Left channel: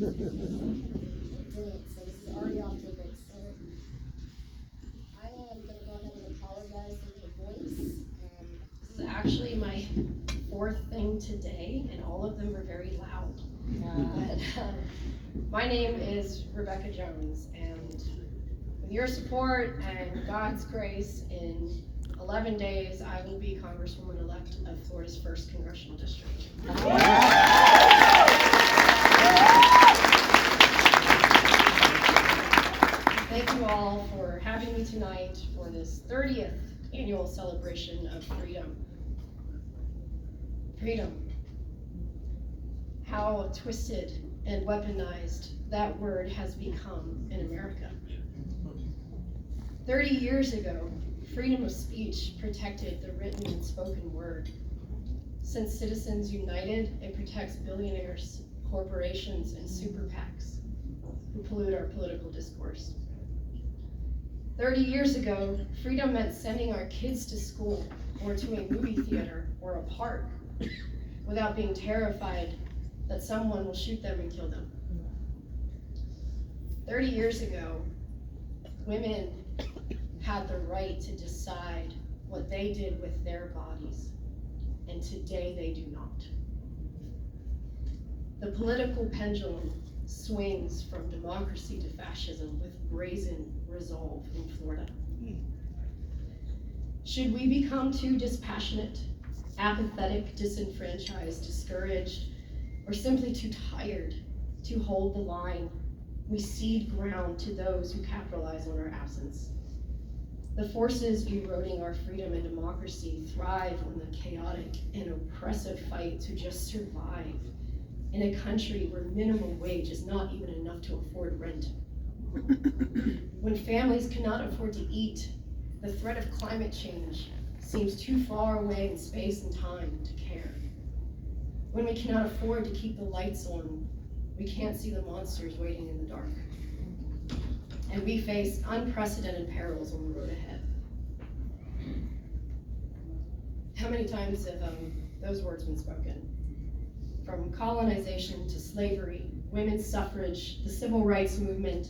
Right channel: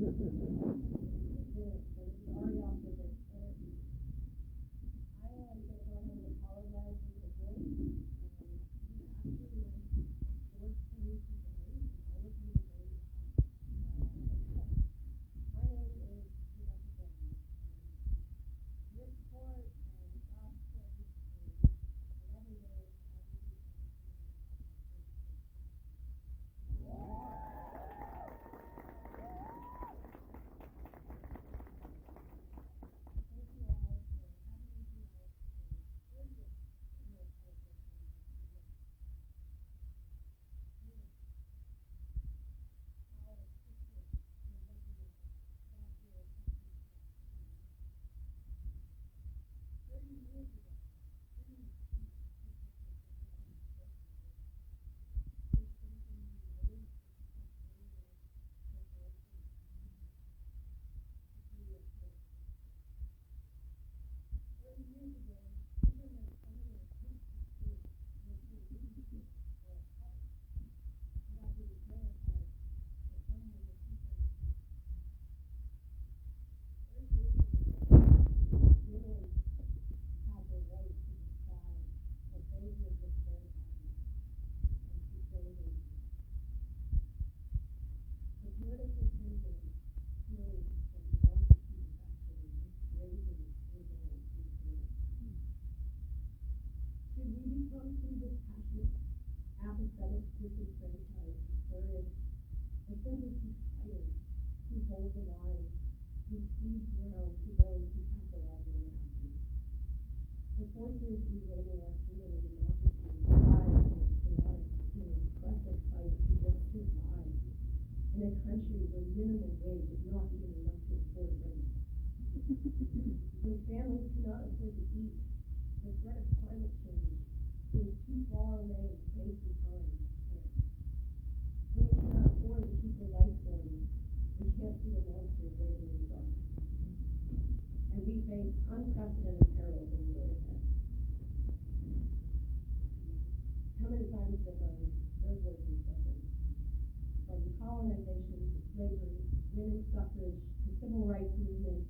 So this is already off to a great start. I am going to go ahead and apologize for my voice. This is actually my fourth thing today, and all of them are very loud. My name is Rebekah Jones, and with your support and God's grace, in 11 days, I will be Congresswoman-elect of Florida's 1st Congressional District. Thank you all for having me tonight for this 30th annual celebration of freedom. Freedom. How twisted and weaponized that word has become in America. 30 years ago, freedom of speech protected the written and spoken word. Since Citizens United, it protects billionaires, corporations, and super PACs who pollute our political discourse. 30 years ago, freedom meant sending our kids to school or to a movie theater or a park without being terrified that someone will shoot them and kill them. 30 years ago, women had the right to decide what they did with their bodies, and today they do not. The political pendulum swings from democracy to fascism with brazen resolve in Florida. Should we become too dispassionate, apathetic, disenfranchised, discouraged, or simply too tired to hold the line, we cede ground to those who capitalize on our absence. The forces eroding our freedom and democracy thrive on the chaotic and oppressive fight to just survive in a country where minimum wage is not even enough to afford rent. When families cannot afford to eat, the threat of climate change seems too far away in space and time to care. When we cannot afford to keep the lights on, we can't see the monsters waiting in the dark. And we face unprecedented perils on the road ahead. How many times have those words been spoken? From colonization to slavery, women's suffrage, the civil rights movement,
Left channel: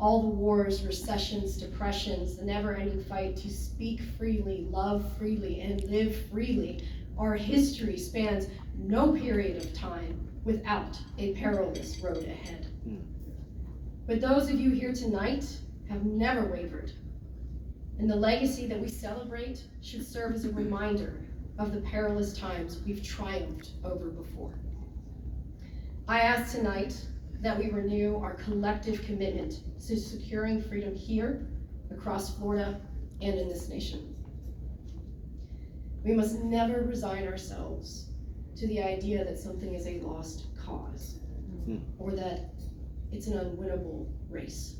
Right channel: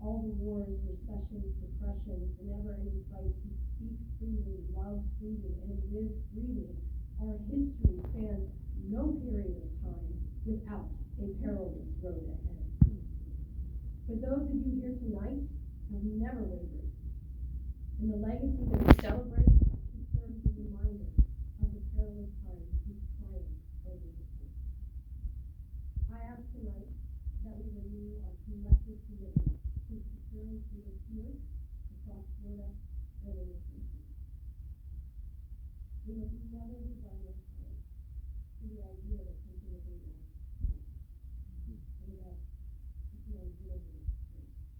all the wars, recessions, depressions, the never-ending fight to speak freely, love freely, and live freely. Our history spans no period of time without a perilous road ahead. But those of you here tonight have never wavered, and the legacy that we celebrate should serve as a reminder of the perilous times we've triumphed over before. I ask tonight that we renew our collective commitment to securing freedom here, across Florida, and in this nation. We must never resign ourselves to the idea that something is a lost cause, or that it's an unwinnable race.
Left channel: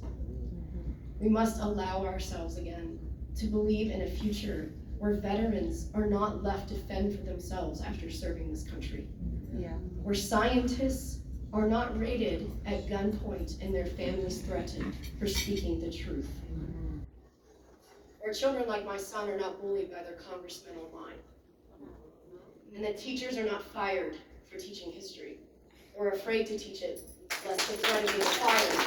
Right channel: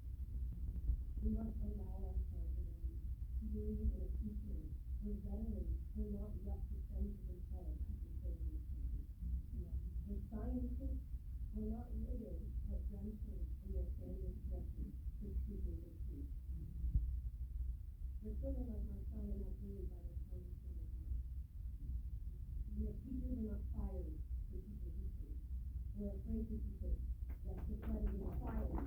We must allow ourselves again to believe in a future where veterans are not left to fend for themselves after serving this country. Where scientists are not raided at gunpoint and their families threatened for speaking the truth. Where children like my son are not bullied by their congressmen online. And that teachers are not fired for teaching history, or afraid to teach it, lest the threat of being fired.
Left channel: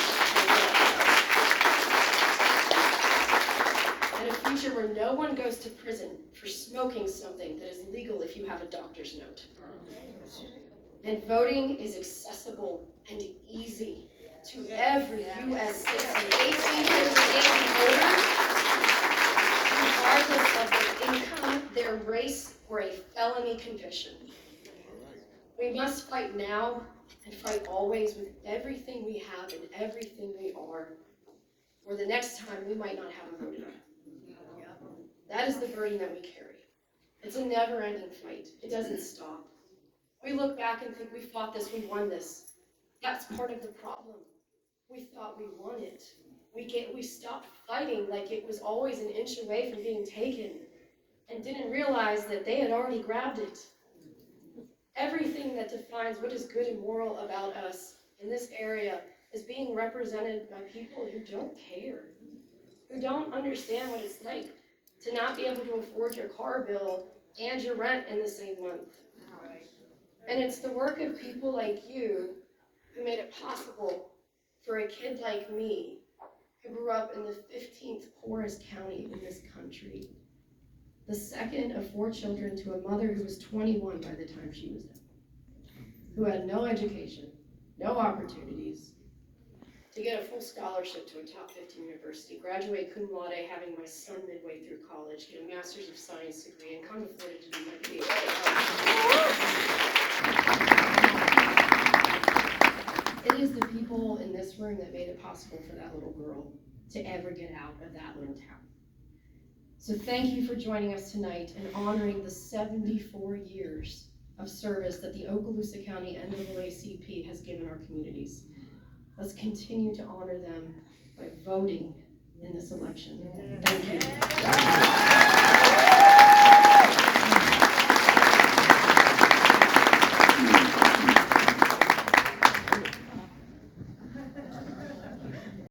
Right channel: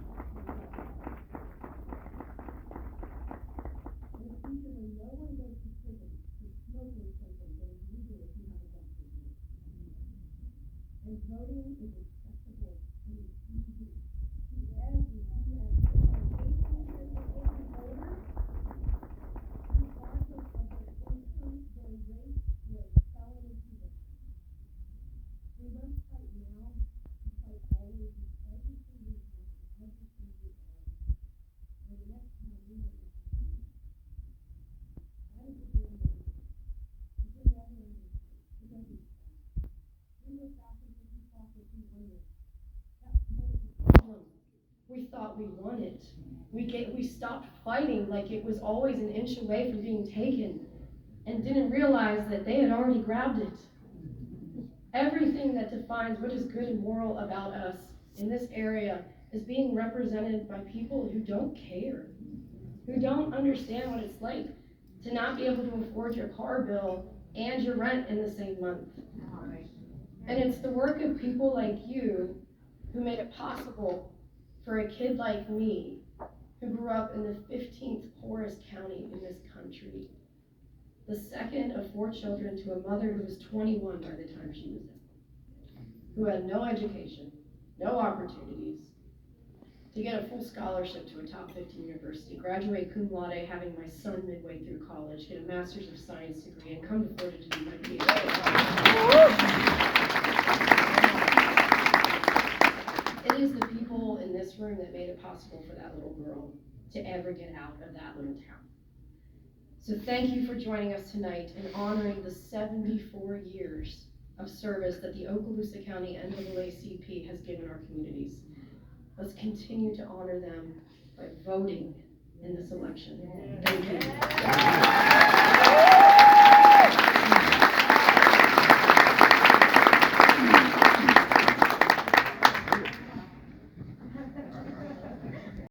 And a future where no one goes to prison for smoking something that is legal if you have a doctor's note. And voting is accessible and easy to every U.S. citizen, 18 years of age and older, regardless of their income, their race, or a felony conviction. We must fight now and fight always with everything we have and everything we are, or the next time we might not have a vote. That is the burden that we carry. It's a never-ending fight. It doesn't stop. We look back and think we fought this, we won this. That's part of the problem. We thought we won it. We stopped fighting like it was always an inch away from being taken, and didn't realize that they had already grabbed it. Everything that defines what is good and moral about us in this area is being represented by people who don't care, who don't understand what it's like to not be able to afford your car bill and your rent in the same month. And it's the work of people like you who made it possible for a kid like me, who grew up in the 15th poorest county in this country, the second of 4 children to a mother who was 21 by the time she was there, who had no education, no opportunities, to get a full scholarship to a top 15 university, graduate cum laude, having my son midway through college, get a master's of science degree, and come to Florida to do my PhD. It is the people in this room that made it possible for that little girl to ever get out of that little town. So thank you for joining us tonight and honoring the 74 years of service that the Okaloosa County NAACP has given our communities. Let's continue to honor them by voting in this election. Thank you.